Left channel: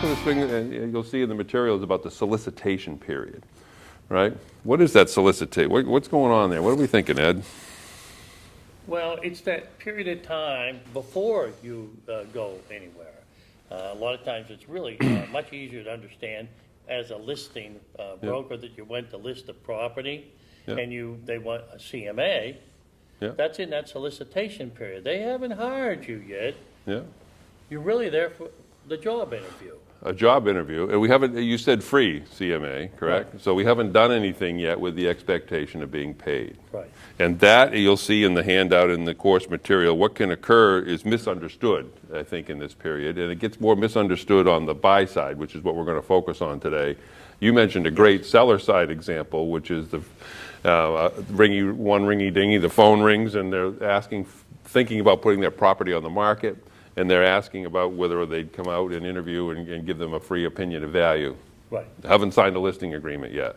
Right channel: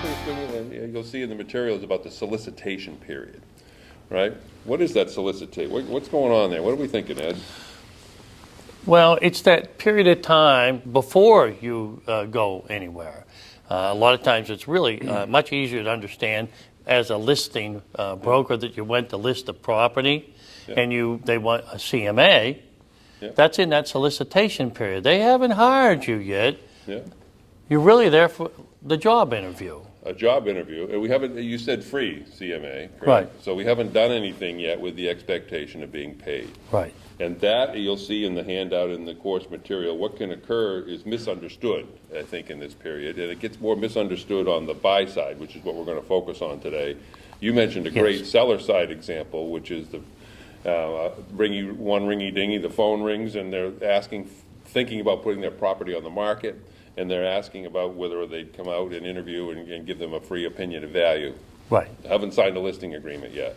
popular thing, and you'll see in the materials about the solicitation period, right? What is that solicitate? What's going on there? What are we thinking, Ed? Well, it's that period of time before you go anywhere. A lot of times it's really much easier to understand as a listing broker that you went to list a property and they want a CMA. That's in that solicitation period. They haven't hired you yet. You're really there for the job interview. A job interview, and we haven't, you said free CMA, correct? Right. So we haven't done anything yet with the expectation of being paid. Right. And that, you'll see in the handout in the course material, what can occur is misunderstood, I think, in this period, and it gets more misunderstood on the buy side, which is what we're going to focus on today. You mentioned a great seller side example, which is the ringy-dingy, the phone rings, and they're thinking about putting their property on the market, and they're asking about whether they'd come out and interview and give them a free opinion of value. Right. Haven't signed a listing agreement yet.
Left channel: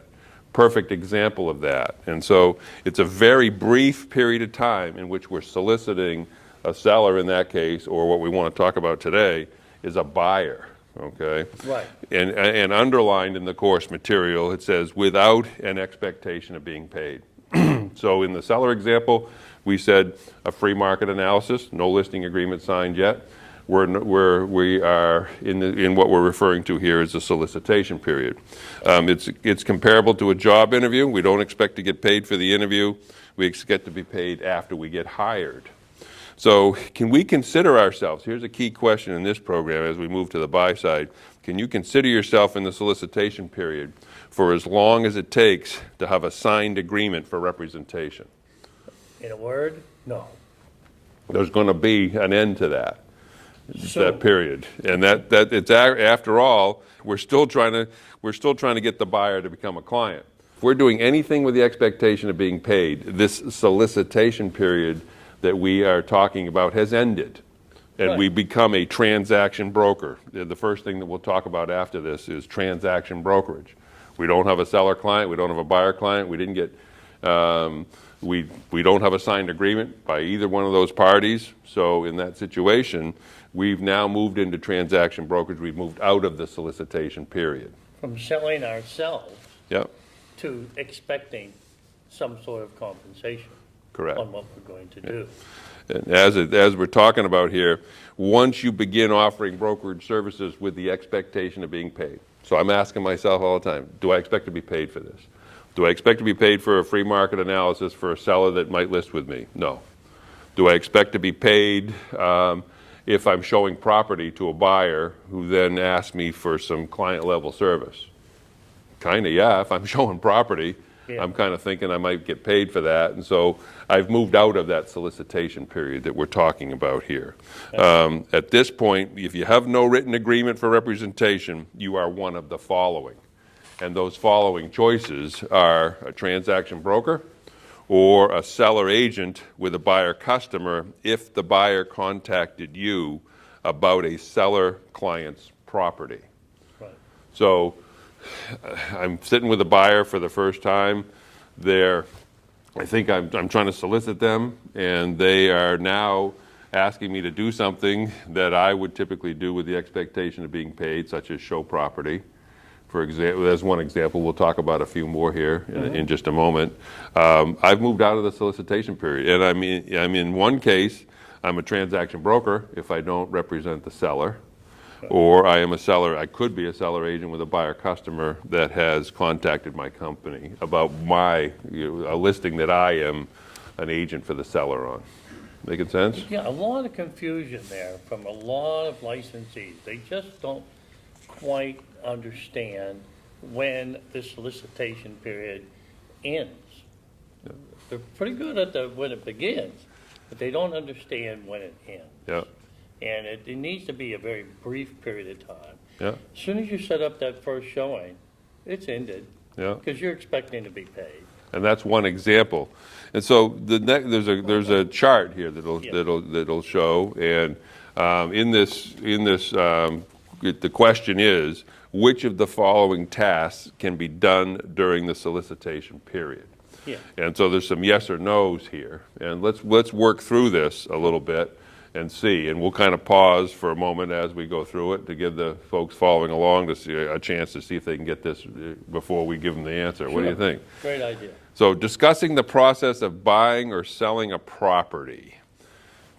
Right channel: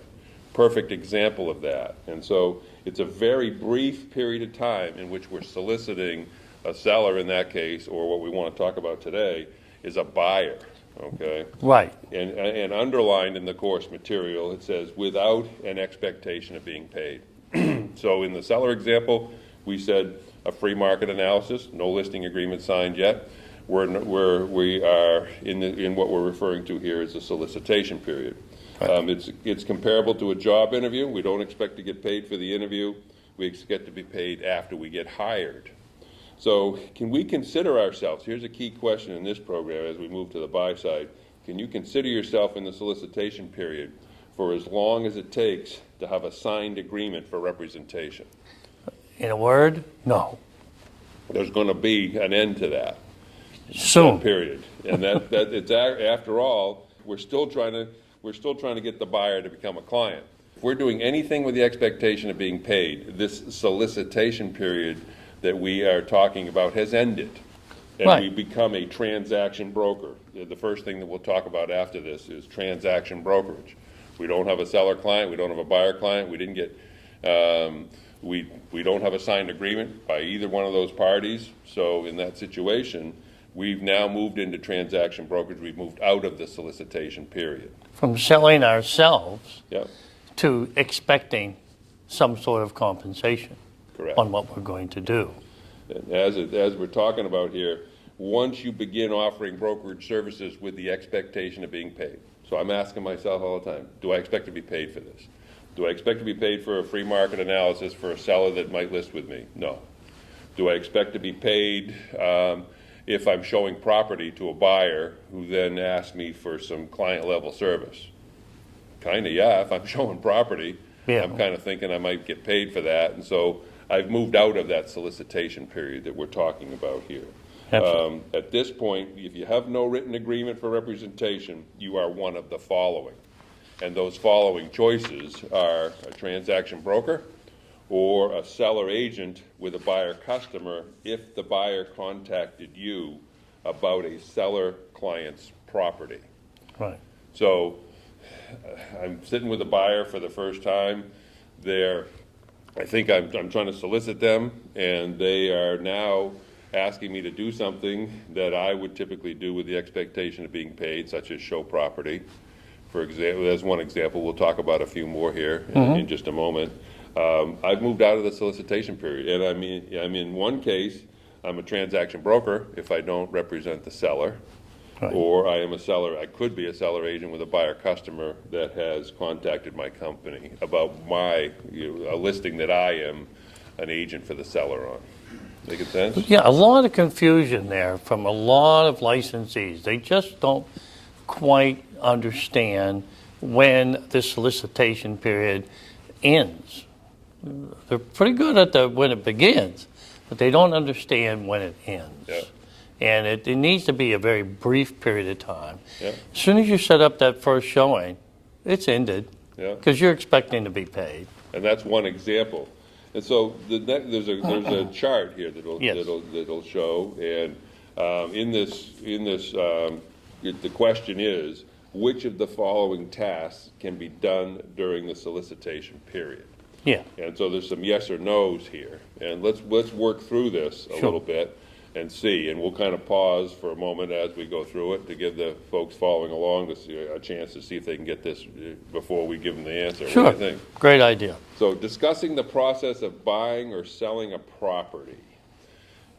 Perfect example of that. And so it's a very brief period of time in which we're soliciting a seller in that case, or what we want to talk about today is a buyer, okay? Right. And underlined in the course material, it says without an expectation of being paid. So in the seller example, we said a free market analysis, no listing agreement signed yet. We are in what we're referring to here as the solicitation period. It's comparable to a job interview. We don't expect to get paid for the interview. We expect to be paid after we get hired. So can we consider ourselves, here's a key question in this program as we move to the buy side, can you consider yourself in the solicitation period for as long as it takes to have a signed agreement for representation? In a word, no. There's going to be an end to that. Soon. That period, and that it's after all, we're still trying to get the buyer to become a client. If we're doing anything with the expectation of being paid, this solicitation period that we are talking about has ended, and we become a transaction broker. The first thing that we'll talk about after this is transaction brokerage. We don't have a seller client, we don't have a buyer client, we didn't get. We don't have a signed agreement by either one of those parties. So in that situation, we've now moved into transaction brokerage. We've moved out of the solicitation period. From selling ourselves to expecting some sort of compensation on what we're going to do. And as we're talking about here, once you begin offering brokerage services with the expectation of being paid. So I'm asking myself all the time, do I expect to be paid for this? Do I expect to be paid for a free market analysis for a seller that might list with me? No. Do I expect to be paid if I'm showing property to a buyer who then asks me for some client level service? Kind of, yeah. If I'm showing property, I'm kind of thinking I might get paid for that. And so I've moved out of that solicitation period that we're talking about here. At this point, if you have no written agreement for representation, you are one of the following. And those following choices are a transaction broker or a seller agent with a buyer customer if the buyer contacted you about a seller client's property. Right. So I'm sitting with a buyer for the first time. I think I'm trying to solicit them, and they are now asking me to do something that I would typically do with the expectation of being paid, such as show property. For example, there's one example. We'll talk about a few more here in just a moment. I've moved out of the solicitation period, and I'm in one case, I'm a transaction broker if I don't represent the seller, or I am a seller. I could be a seller agent with a buyer customer that has contacted my company about a listing that I am an agent for the seller on. Make sense? Yeah, a lot of confusion there from a lot of licensees. They just don't quite understand when this solicitation period ends. They're pretty good at when it begins, but they don't understand when it ends. Yep. And it needs to be a very brief period of time. Yep. As soon as you set up that first showing, it's ended because you're expecting to be paid. And that's one example. And so there's a chart here that'll show, and in this the question is, which of the following tasks can be done during the solicitation period? Yeah. And so there's some yes or no's here, and let's work through this a little bit. and see. And we'll kind of pause for a moment as we go through it to give the folks following along to see a chance to see if they can get this before we give them the answer. Sure. What do you think? Great idea. So discussing the process of buying or selling a property.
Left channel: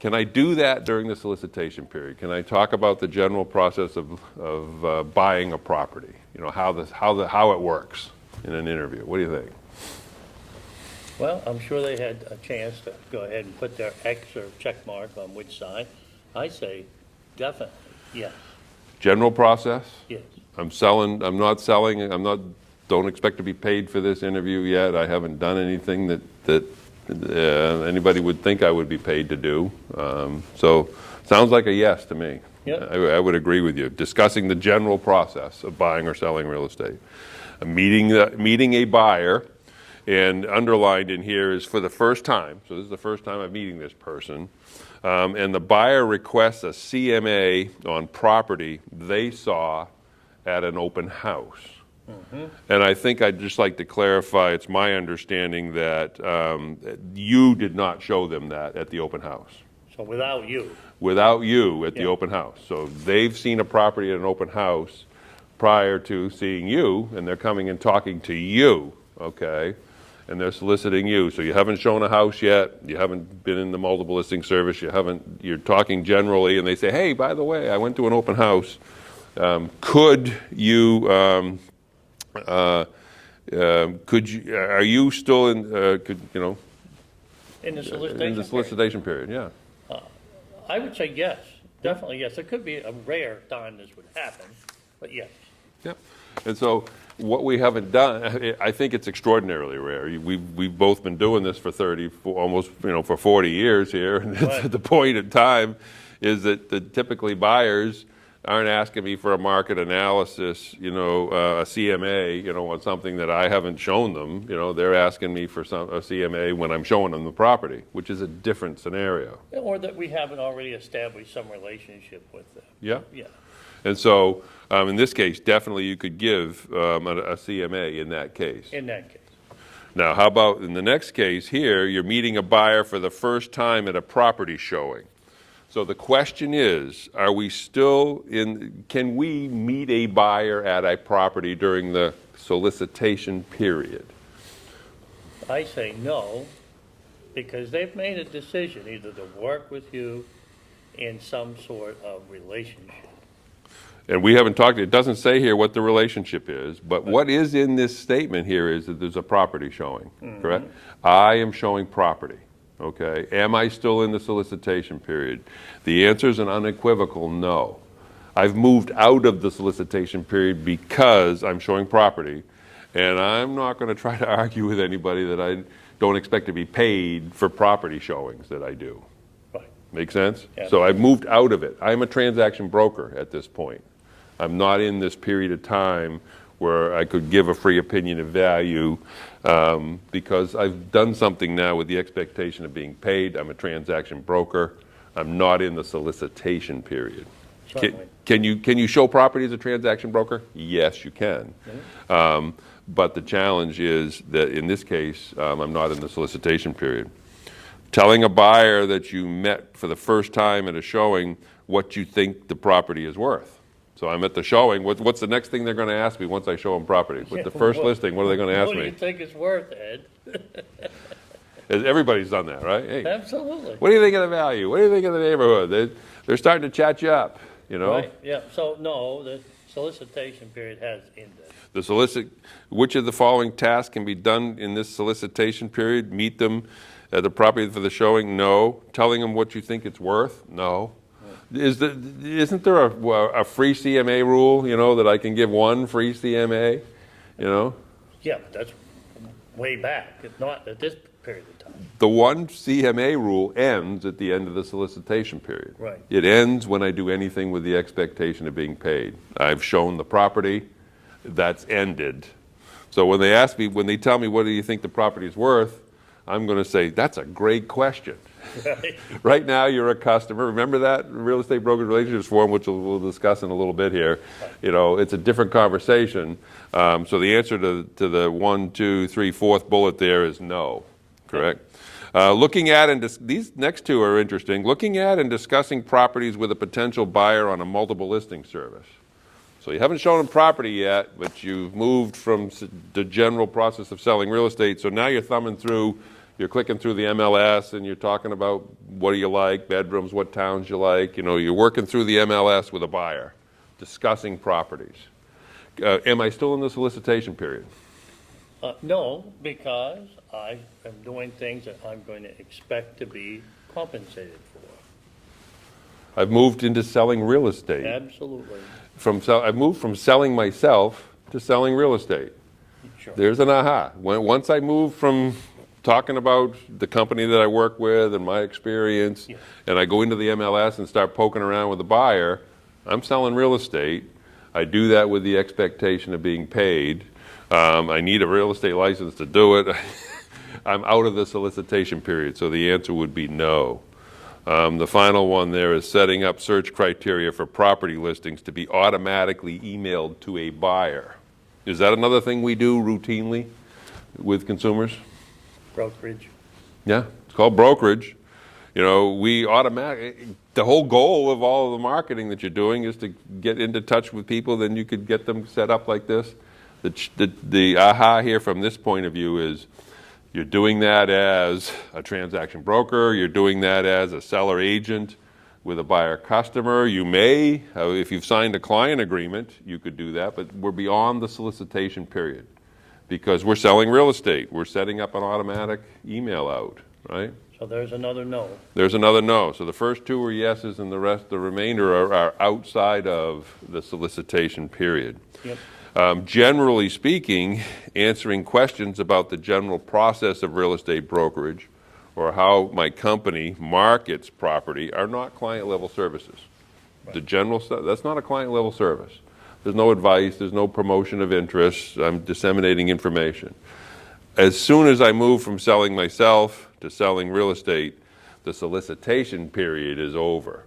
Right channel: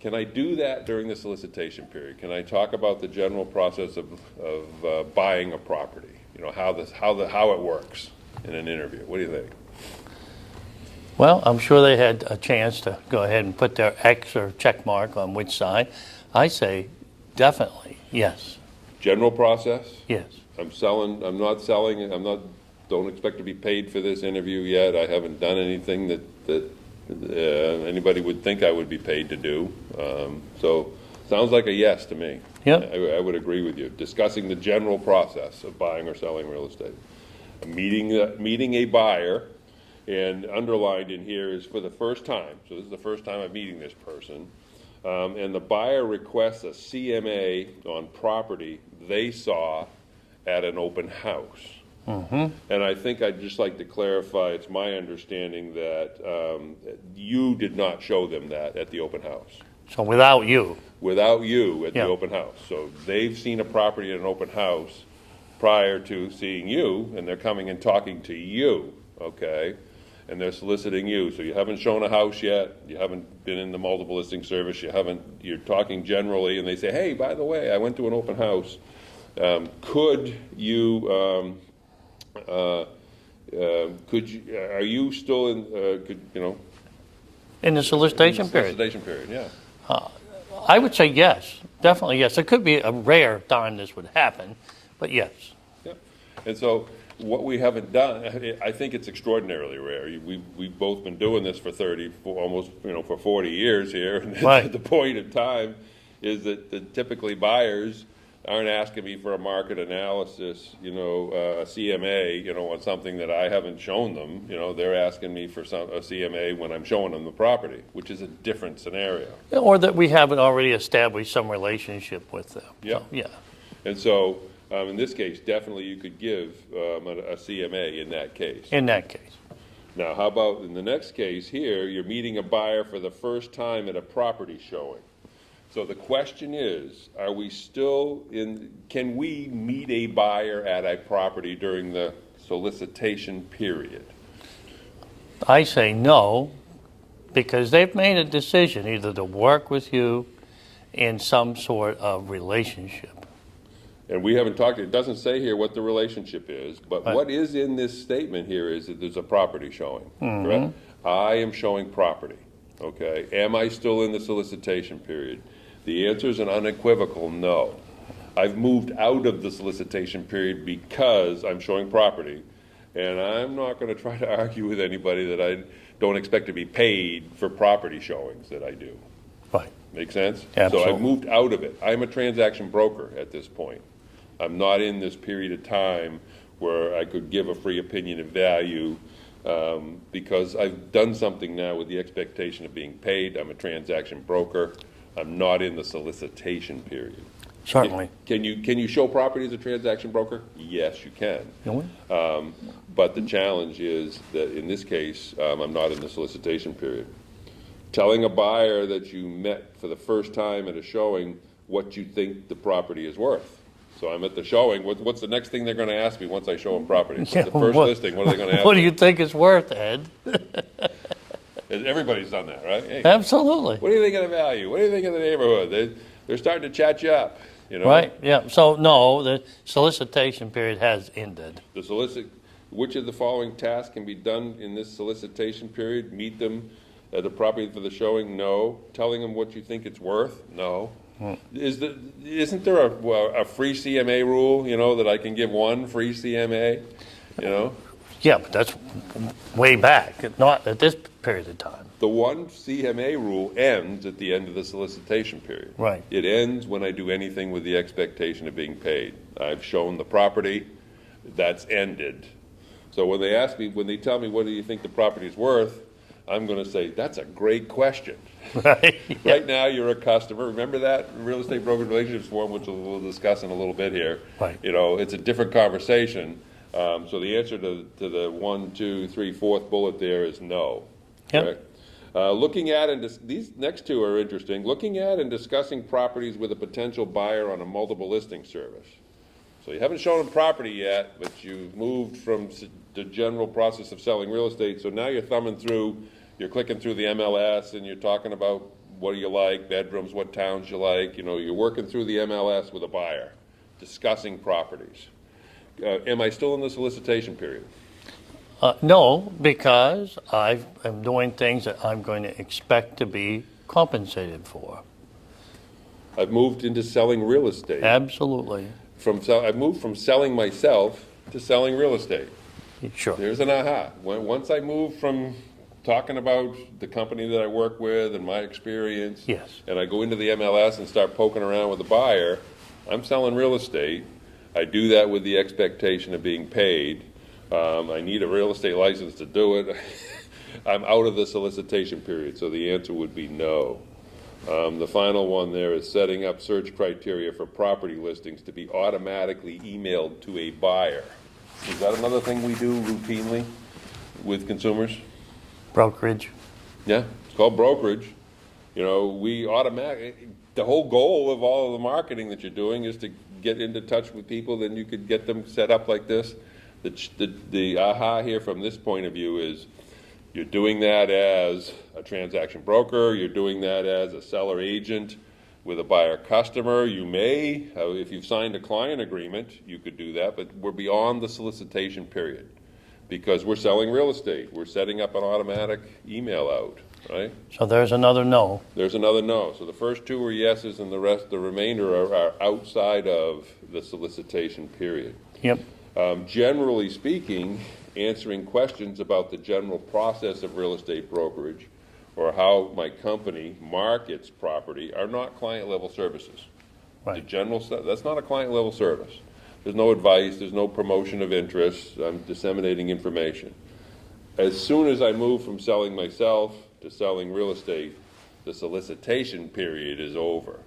Can I do that during the solicitation period? Can I talk about the general process of buying a property? You know, how it works in an interview. What do you think? Well, I'm sure they had a chance to go ahead and put their X or check mark on which side. I say definitely yes. General process? Yes. I'm not selling, don't expect to be paid for this interview yet. I haven't done anything that anybody would think I would be paid to do. So sounds like a yes to me. Yeah. I would agree with you. Discussing the general process of buying or selling real estate. Meeting a buyer, and underlined in here is for the first time. So this is the first time I'm meeting this person. And the buyer requests a CMA on property they saw at an open house. Mm-hmm. And I think I'd just like to clarify, it's my understanding that you did not show them that at the open house. So without you? Without you at Yeah. the open house. So they've seen a property at an open house prior to seeing you, and they're coming and talking to you, okay? And they're soliciting you. So you haven't shown a house yet, you haven't been in the multiple listing service, you're talking generally, and they say, hey, by the way, I went to an open house. Could you, are you still in, In the solicitation in the period? solicitation period, yeah. I would say yes, definitely yes. It could be a rare time this would happen, but yes. Yep. And so what we haven't done, I think it's extraordinarily rare. We've both been doing this for almost for 40 years here. And Right. the point in time is that typically buyers aren't asking me for a market analysis, a CMA, on something that I haven't shown them. They're asking me for a CMA when I'm showing them the property, which is a different scenario. Or that we haven't already established some relationship with them. Yeah. So, yeah. And so in this case, definitely you could give a CMA in that case. In that case. Now, how about in the next case here, you're meeting a buyer for the first time at a property showing. So the question is, can we meet a buyer at a property during the solicitation period? I say no, because they've made a decision either to work with you in some sort of relationship. And we haven't talked, it doesn't say here what the relationship is, but Right. what is in this statement here is that there's a property showing, correct? I am showing property, okay? Am I still in the solicitation period? The answer is an unequivocal no. I've moved out of the solicitation period because I'm showing property, and I'm not going to try to argue with anybody that I don't expect to be paid for property showings that I do. Right. Make sense? Absolutely. So I've moved out of it. I'm a transaction broker at this point. I'm not in this period of time where I could give a free opinion of value because I've done something now with the expectation of being paid. I'm a transaction broker. I'm not in the solicitation period. Certainly. Can you show property as a transaction broker? Yes, you can. But the challenge is that in this case, I'm not in the solicitation period. Telling a buyer that you met for the first time at a showing what you think the property is worth. So I'm at the showing. What's the next thing they're going to ask me once I show them property? Yeah, The first what- listing, what are they going to ask What me? do you think it's worth, Ed? Everybody's done that, right? Hey, Absolutely. what do you think of the value? What do you think of the neighborhood? They're starting to chat you up, Right, yeah. So, no, the solicitation period has ended. Which of the following tasks can be done in this solicitation period? Meet them at the property for the showing? No. Telling them what you think it's worth? No. Isn't there a free CMA rule, that I can give one free CMA, Yeah, but that's way back, not at this period of time. The one CMA rule ends at the end of the solicitation period. Right. It ends when I do anything with the expectation of being paid. I've shown the property, that's ended. So when they tell me what do you think the property's worth, I'm going to say, that's a great question. Right. Right now, you're a customer. Remember that real estate brokerage relationships form, which we'll discuss in a little bit here. Right. It's a different conversation. So the answer to the 1, 2, 3, 4th bullet there is no. Correct. Looking at and these next two are interesting. Looking at and discussing properties with a potential buyer on a multiple listing service. So you haven't shown them property yet, but you've moved from the general process of selling real estate. So now you're thumbing through, you're clicking through the MLS, and you're talking about what do you like, bedrooms, what towns you like. You know, you're working through the MLS with a buyer, discussing properties. Am I still in the solicitation period? No, because I am doing things that I'm going to expect to be compensated for. I've moved into selling real estate. Absolutely. I've moved from selling myself to selling real estate. Sure. There's an aha. Once I move from talking about the company that I work with and my experience, Yes. and I go into the MLS and start poking around with the buyer, I'm selling real estate. I do that with the expectation of being paid. I need a real estate license to do it. I'm out of the solicitation period, so the answer would be no. The final one there is setting up search criteria for property listings to be automatically emailed to a buyer. Is that another thing we do routinely with consumers? Brokerage. Yeah, it's called brokerage. You know, the whole goal of all of the marketing that you're doing is to get into touch with people, then you could get them set up like this. The aha here from this point of view is you're doing that as a transaction broker, you're doing that as a seller agent with a buyer customer. You may, if you've signed a client agreement, you could do that, but we're beyond the solicitation period because we're selling real estate. We're setting up an automatic email out, right? So there's another no. There's another no. So the first two are yeses and the remainder are outside of the solicitation period. Yep. Generally speaking, answering questions about the general process of real estate brokerage or how my company markets property are not client-level services. Right. The general stuff, that's not a client-level service. There's no advice, there's no promotion of interest, I'm disseminating information. As soon as I move from selling myself to selling real estate, the solicitation period is over.